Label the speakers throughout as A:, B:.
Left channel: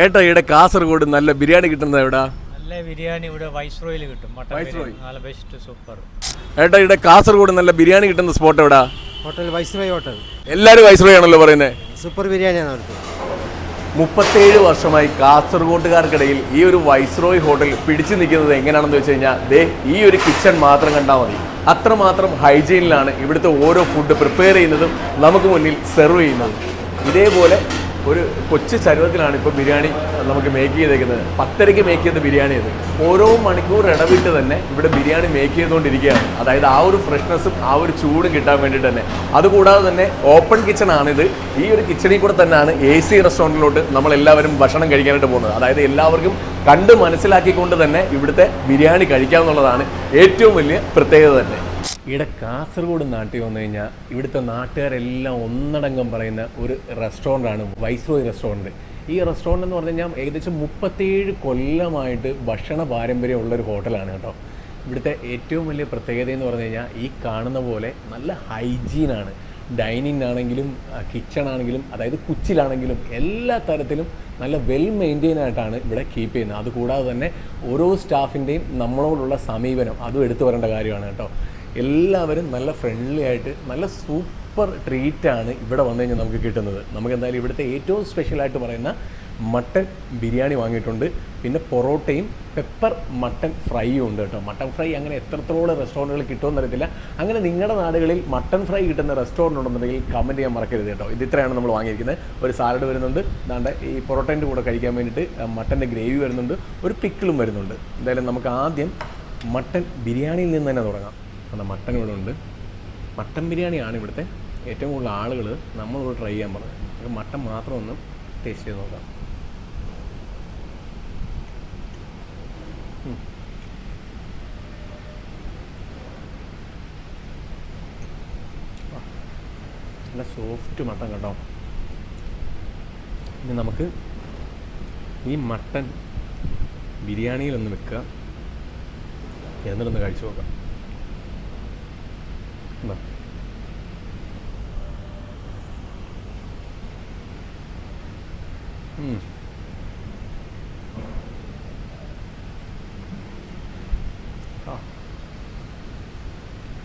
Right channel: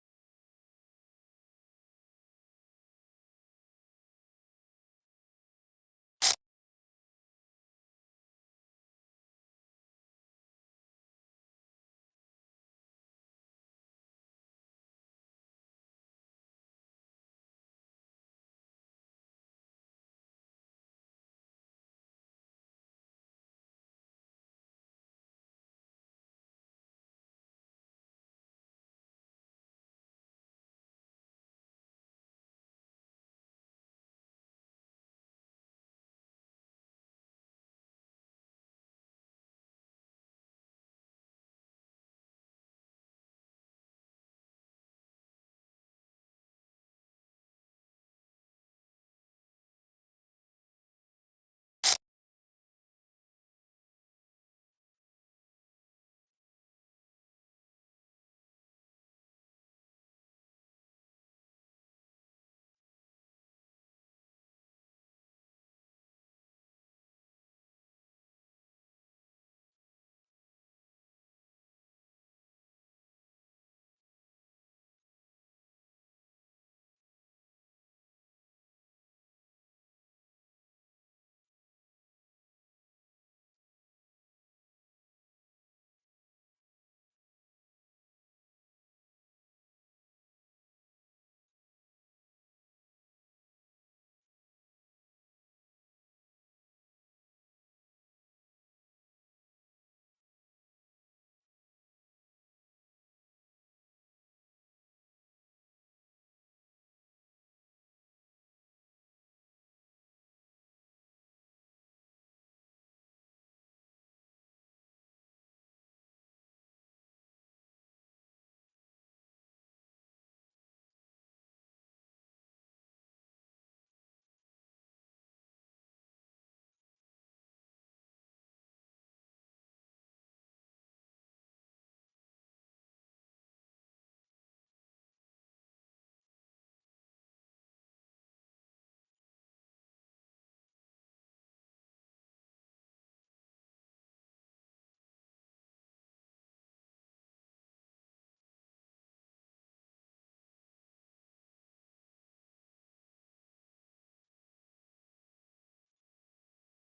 A: ഏട്ടാ ഇവിടെ കാസർഗോഡ് നല്ല ബിരിയാണി കിട്ടുന്നത് എവിടെ?
B: നല്ല ബിരിയാണി ഇവിടെ വൈസ്രോയിൽ കിട്ടും. Mutton
A: Viceroy?
B: ബിരിയാണി. നല്ല ബെസ്റ്റ് സൂപ്പർ
A: ഏട്ടാ ഇവിടെ കാസർഗോഡ് നല്ല ബിരിയാണി കിട്ടുന്ന സ്പോട്ട് എവിടാ?
C: Hotel Viceroy hotel.
A: എല്ലാവരും വൈസ്രോയി ആണല്ലോ പറയുന്നത്
C: സൂപ്പർ ബിരിയാണിയാണ് അവിടുത്തെ.
A: മുപ്പത്തേഴ് വർഷമായി കാസർഗോട്ടുകാർക്കിടയിൽ ഈ ഒരു വൈസ്രോയ് ഹോട്ടൽ പിടിച്ചു നിൽക്കുന്നത് എങ്ങനെയാണെന്ന് വെച്ച് കഴിഞ്ഞാൽ ദേ ഈ ഒരു കിച്ചൺ മാത്രം കണ്ടാൽ മതി. അത്രമാത്രം ഹൈജീനിലാണ് ഇവിടുത്തെ ഓരോ ഫുഡ് പ്രിപ്പയർ ചെയ്യുന്നതും നമുക്ക് മുന്നിൽ സെർവ് ചെയ്യുന്നതും. ഇതേപോലെ ഒരു കൊച്ചു ചരുവത്തിലാണ് ഇപ്പോൾ ബിരിയാണി നമുക്ക് മേക്ക് ചെയ്തേക്കുന്നത്. പത്തരയ്ക്ക് മേക്ക് ചെയ്ത ബിരിയാണി അത് ഓരോ മണിക്കൂർ ഇടവിട്ട് തന്നെ ഇവിടെ ബിരിയാണി മേക്ക് ചെയ്തുകൊണ്ടിരിക്കുകയാണ്. അതായത് ആ ഒരു ഫ്രഷ്നെസ്സും ആ ഒരു ചൂടും കിട്ടാൻ വേണ്ടിയിട്ട് തന്നെ. അതുകൂടാതെ തന്നെ ഓപ്പൺ കിച്ചൺ ആണിത്. ഈ ഒരു കിച്ചണിൽ കൂടെ തന്നെയാണ് എ സി റെസ്റ്റോറന്റിലോട്ട് നമ്മൾ എല്ലാവരും ഭക്ഷണം കഴിക്കാനായിട്ട് പോകുന്നത്. അതായത് എല്ലാവർക്കും കണ്ട് മനസ്സിലാക്കിക്കൊണ്ട് തന്നെ ഇവിടുത്തെ ബിരിയാണി കഴിക്കാമെന്നുള്ളതാണ് ഏറ്റവും വലിയ പ്രത്യേകത തന്നെ. ഇവിടെ കാസർഗോഡ് നാട്ടിൽ വന്നു കഴിഞ്ഞാൽ ഇവിടുത്തെ നാട്ടുകാരെല്ലാം ഒന്നടങ്കം പറയുന്ന ഒരു റെസ്റ്റോറന്റാണ് വൈസ്രോയ് റെസ്റ്റോറന്റ് ഈ റെസ്റ്റോറന്റ് എന്ന് പറഞ്ഞു കഴിഞ്ഞാൽ ഏകദേശം മുപ്പത്തേഴ് കൊല്ലമായിട്ട് ഭക്ഷണ പാരമ്പര്യം ഒരു ഹോട്ടലാണ് കേട്ടോ. ഇവിടുത്തെ ഏറ്റവും വലിയ പ്രത്യേകത എന്ന് പറഞ്ഞു കഴിഞ്ഞാൽ ഈ കാണുന്ന പോലെ നല്ല ഹൈജീനാണ്. ഡൈനിങ് ആണെങ്കിലും കിച്ചൺ ആണെങ്കിലും അതായത് കുച്ചിലാണെങ്കിലും എല്ലാ തരത്തിലും നല്ല വെൽ മെയിന്റെയിൻ ആയിട്ടാണ് ഇവിടെ കീപ്പ് ചെയ്യുന്നത്. അതുകൂടാതെ തന്നെ ഓരോ സ്റ്റാഫിന്റെയും നമ്മളോടുള്ള സമീപനം അതും എടുത്തു വരേണ്ട കാര്യമാണ് കേട്ടോ. എല്ലാവരും നല്ല ഫ്രണ്ട്ലി ആയിട്ട് നല്ല സൂപ്പർ ട്രീറ്റ് ആണ് ഇവിടെ വന്നു കഴിഞ്ഞാൽ നമുക്ക് കിട്ടുന്നത്. നമുക്ക് എന്തായാലും ഇവിടുത്തെ ഏറ്റവും സ്പെഷ്യൽ ആയിട്ട് പറയുന്ന മട്ടൻ ബിരിയാണി വാങ്ങിയിട്ടുണ്ട്. പിന്നെ പൊറോട്ടയും പെപ്പർ മട്ടൻ ഫ്രൈയും ഉണ്ട് കേട്ടോ. മട്ടൻ ഫ്രൈ അങ്ങനെ എത്രത്തോളം റെസ്റ്റോറന്റുകൾ കിട്ടുമെന്ന് അറിയത്തില്ല. അങ്ങനെ നിങ്ങളുടെ നാടുകളിൽ മട്ടൻ ഫ്രൈ കിട്ടുന്ന റെസ്റ്റോറന്റ് ഉണ്ടെന്നുണ്ടെങ്കിൽ കമന്റ് ചെയ്യാൻ മറക്കരുത് കേട്ടോ. ഇത് ഇത്രയാണ് നമ്മൾ വാങ്ങിയിരിക്കുന്നത്. ഒരു സാലഡ് വരുന്നുണ്ട്. ദാണ്ട് ഈ പൊറോട്ടേന്റെ കൂടെ കഴിക്കാൻ വേണ്ടിയിട്ട് മട്ടന്റെ ഗ്രേവി വരുന്നുണ്ട്. ഒരു പിക്കിളും വരുന്നുണ്ട്. എന്തായാലും നമുക്ക് ആദ്യം മട്ടൻ ബിരിയാണിയിൽ നിന്ന് തന്നെ തുടങ്ങാം. കാരണം മട്ടൻ ഇവിടെ ഉണ്ട്. മട്ടൻ ബിരിയാണിയാണ് ഇവിടുത്തെ ഏറ്റവും കൂടുതൽ ആളുകൾ നമ്മളിവിടെ ട്രൈ ചെയ്യാൻ പറഞ്ഞത്. മട്ടൻ മാത്രം ഒന്ന് ടേസ്റ്റ് ചെയ്ത് നോക്കാം. നല്ല സോഫ്റ്റ് മട്ടൻ കേട്ടോ ഇനി നമുക്ക് ഈ മട്ടൻ ബിരിയാണിയിലൊന്ന് വെക്കുക. എന്നിട്ടൊന്ന് കഴിച്ചു നോക്കാം.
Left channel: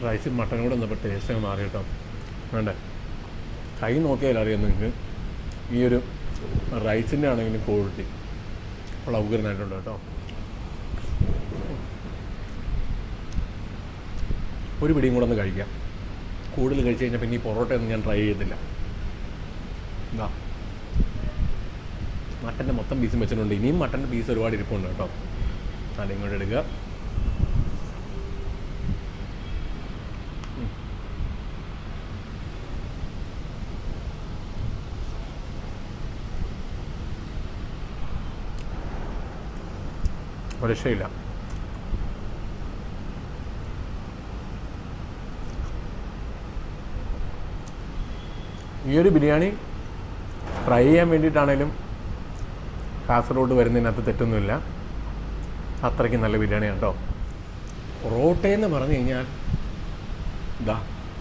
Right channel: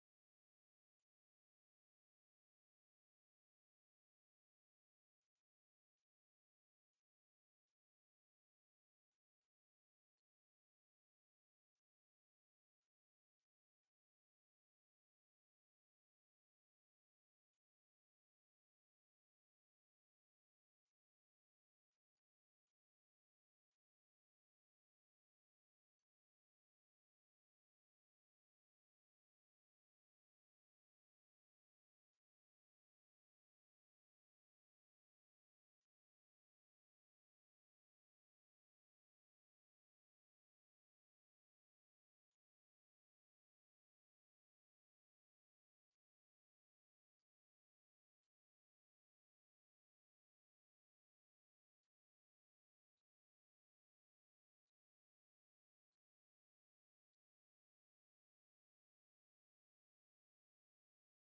A: റൈസും മട്ടനും കൂടെ വന്നപ്പോൾ ടേസ്റ്റ് മാറി കേട്ടോ. വേണ്ടേ? കൈ നോക്കിയാൽ അറിയാം നിങ്ങൾക്ക്. ഈ ഒരു റൈസിന്റെ ആണെങ്കിലും ക്വാളിറ്റി ഉള്ള ഉഗ്രനായിട്ടുണ്ട് കേട്ടോ. ഒരു പിടിയും കൂടെ ഒന്ന് കഴിക്കാം. കൂടുതൽ കഴിച്ചു കഴിഞ്ഞാൽ പിന്നെ ഈ പൊറോട്ടയൊന്നും ഞാൻ ട്രൈ ചെയ്തില്ല എന്താ മട്ടന്റെ മൊത്തം പീസും വെച്ചിട്ടുണ്ട്. ഇനിയും മട്ടന്റെ പീസ് ഒരുപാട് ഇരിപ്പുണ്ട് കേട്ടോ. അതിങ്ങോട്ട് എടുക്കുക. ഒരു ഈ ഒരു ബിരിയാണി ട്രൈ ചെയ്യാൻ വേണ്ടിയിട്ടാണേലും കാസർഗോഡ് വരുന്നതിനകത്ത് തെറ്റൊന്നുമില്ല. അത്രയ്ക്ക് നല്ല ബിരിയാണിയാണ് കേട്ടോ പൊറോട്ടയെന്ന് പറഞ്ഞു കഴിഞ്ഞാൽ ഇതാ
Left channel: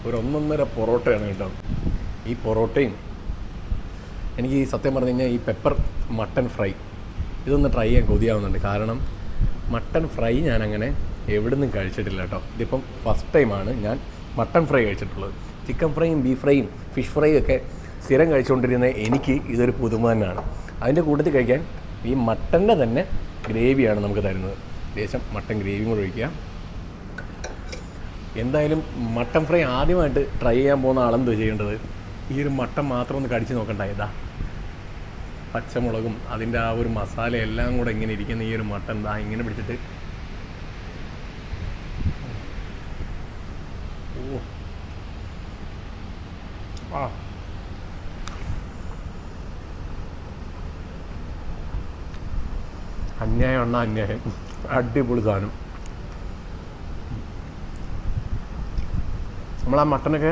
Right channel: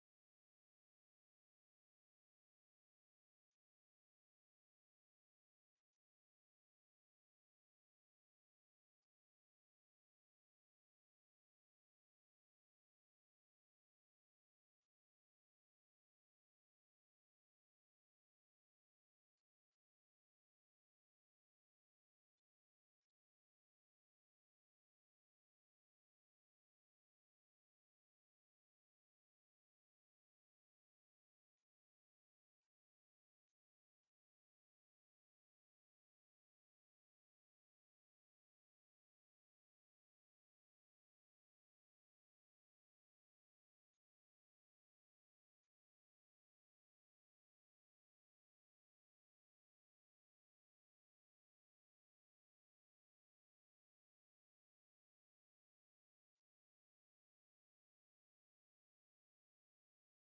A: ഒരു ഒന്നൊന്നര പൊറോട്ടയാണ് കേട്ടോ. ഈ പൊറോട്ടയും എനിക്ക് ഈ സത്യം പറഞ്ഞു കഴിഞ്ഞാൽ ഈ പെപ്പർ മട്ടൻ ഫ്രൈ ഇതൊന്ന് ട്രൈ ചെയ്യാൻ കൊതിയാവുന്നുണ്ട്. കാരണം മട്ടൺ ഫ്രൈ ഞാൻ അങ്ങനെ എവിടെ നിന്നും കഴിച്ചിട്ടില്ല കേട്ടോ ഇതിപ്പം ഫസ്റ്റ് ടൈമാണ് ഞാൻ മട്ടൺ ഫ്രൈ കഴിച്ചിട്ടുള്ളത്. ചിക്കൻ ഫ്രൈയും ബീഫ് ഫ്രൈയും ഫിഷ് ഫ്രൈയും ഒക്കെ സ്ഥിരം കഴിച്ചുകൊണ്ടിരുന്ന എനിക്ക് ഇതൊരു പുതുമ തന്നെയാണ് അതിന്റെ കൂട്ടത്തിൽ കഴിക്കാൻ ഈ മട്ടന്റെ തന്നെ ഗ്രേവിയാണ് നമുക്ക് തരുന്നത്. ലേശം മട്ടൻ ഗ്രേവിയും കൂടെ ഒഴിക്കുക. എന്തായാലും മട്ടൻ ഫ്രൈ ആദ്യമായിട്ട് ട്രൈ ചെയ്യാൻ പോകുന്ന ആളെന്തോ ചെയ്യേണ്ടത്? ഈ ഒരു മട്ടൻ മാത്രം ഒന്ന് കടിച്ച് നോക്കണ്ട ഇതാ. പച്ചമുളകും അതിന്റെ ആ ഒരു മസാല എല്ലാം കൂടെ ഇങ്ങനെ ഇരിക്കുന്ന ഈ ഒരു മട്ടൻ ദാ ഇങ്ങനെ പിടിച്ചിട്ട് ആ. അന്യായം എണ്ണ അന്യായം. അടിപൊളി സാധനം. നമ്മൾ ആ മട്ടനൊക്കെ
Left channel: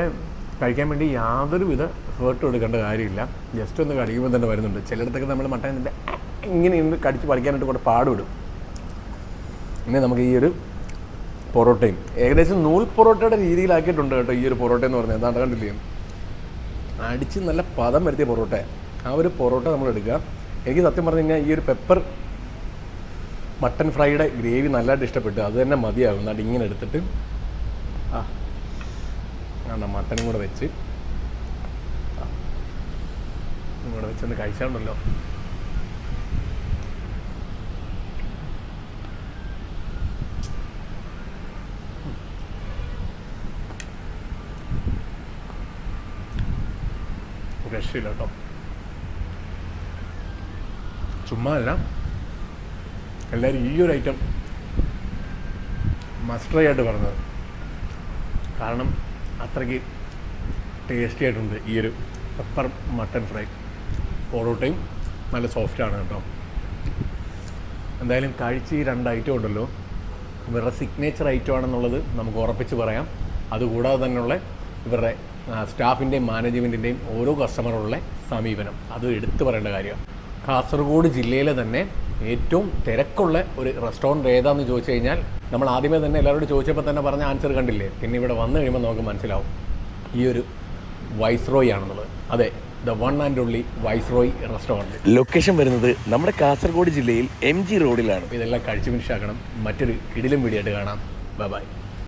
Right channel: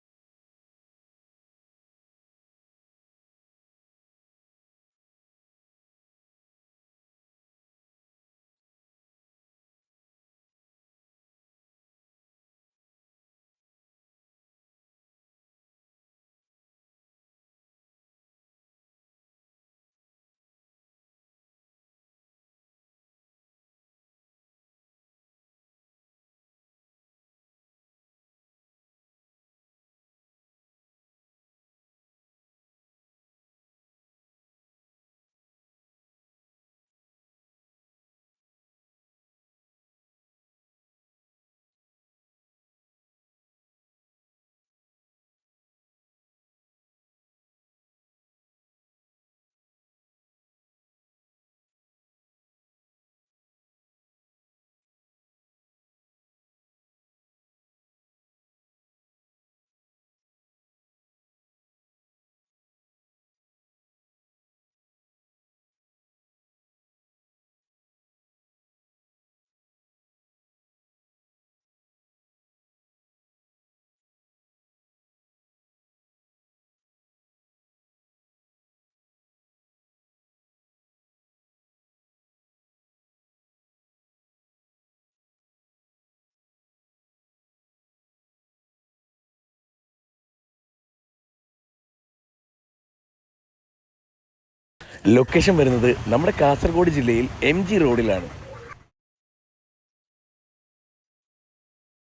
A: കഴിക്കാൻ വേണ്ടി യാതൊരു വിധ എഫേർട്ടും എടുക്കേണ്ട കാര്യമില്ല. ജസ്റ്റ് ഒന്ന് കടിക്കുമ്പോൾ തന്നെ വരുന്നുണ്ട്. ചിലയിടത്തൊക്കെ നമ്മൾ മട്ടൻ ഇതിന്റെ ഇങ്ങനെ ഇന്ന് കടിച്ച് പഠിക്കാനായിട്ട് കൂടെ പാടുവിടും ഇനി നമുക്ക് ഈ ഒരു പൊറോട്ടയും. ഏകദേശം നൂൽ പൊറോട്ടയുടെ രീതിയിലാക്കിയിട്ടുണ്ട് കേട്ടോ ഈ ഒരു പൊറോട്ട എന്ന് പറഞ്ഞാൽ. അതാണ് കണ്ടില്ലേ? അടിച്ച് നല്ല പദം വരുത്തിയ പൊറോട്ട. ആ ഒരു പൊറോട്ട നമ്മൾ എടുക്കുക. എനിക്ക് സത്യം പറഞ്ഞു കഴിഞ്ഞാൽ ഈ ഒരു പെപ്പർ മട്ടൻ ഫ്രൈയുടെ ഗ്രേവി നല്ലതായിട്ട് ഇഷ്ടപ്പെട്ടു. അത് തന്നെ മതിയാകും. അത് ഇങ്ങനെ എടുത്തിട്ട്. ആ ആ മട്ടനും കൂടെ വെച്ച്. കൂടെ വെച്ചൊന്ന് കഴിച്ചാണ്ടല്ലോ രക്ഷയില്ല കേട്ടോ ചുമ്മാ എല്ലാവരും ഈ ഒരു ഐറ്റം മസ്റ്ററി ആയിട്ട് പറഞ്ഞത്. കാരണം അത്രയ്ക്ക് ടേസ്റ്റി ആയിട്ടുണ്ട് ഈ ഒരു പെപ്പർ മട്ടൺ ഫ്രൈ പൊറോട്ടയും നല്ല സോഫ്റ്റാണ് കേട്ടോ. എന്തായാലും കഴിച്ച് ഈ രണ്ട് ഐറ്റം ഉണ്ടല്ലോ. ഇവരുടെ സിഗ്നേച്ചർ ഐറ്റം ആണെന്നുള്ളത് നമുക്ക് ഉറപ്പിച്ച് പറയാം. അതുകൂടാതെ തന്നെയുള്ള ഇവരുടെ സ്റ്റാഫിന്റെയും മാനേജ്മെന്റിന്റെയും ഓരോ കസ്റ്റമറുള്ള സമീപനം. അത് എടുത്തു പറയേണ്ട കാര്യമാണ് കാസർഗോഡ് ജില്ലയിലെ തന്നെ ഏറ്റവും തിരക്കുള്ള ഒരു റെസ്റ്റോറന്റ് ഏതാണെന്ന് ചോദിച്ചു കഴിഞ്ഞാൽ നമ്മൾ ആദ്യമേ തന്നെ എല്ലാവരോടും ചോദിച്ചപ്പോൾ തന്നെ പറഞ്ഞ ആൻസർ കണ്ടില്ലേ? പിന്നെ ഇവിടെ വന്നു കഴിയുമ്പോൾ നമുക്ക് മനസ്സിലാവും. ഈ ഒരു വൈസ്രോയ് ആണെന്നുള്ളത്. അതെ the one and only Viceroy restaurant
D: location വരുന്നത് നമ്മുടെ കാസർഗോഡ് ജില്ലയിൽ എം ജി റോഡിലാണ്.
A: ഇതെല്ലാം കഴിച്ചു മനുഷ്യാക്കണം. മറ്റൊരു കിടിലും വീഡിയോ ആയിട്ട് കാണാം. Bye bye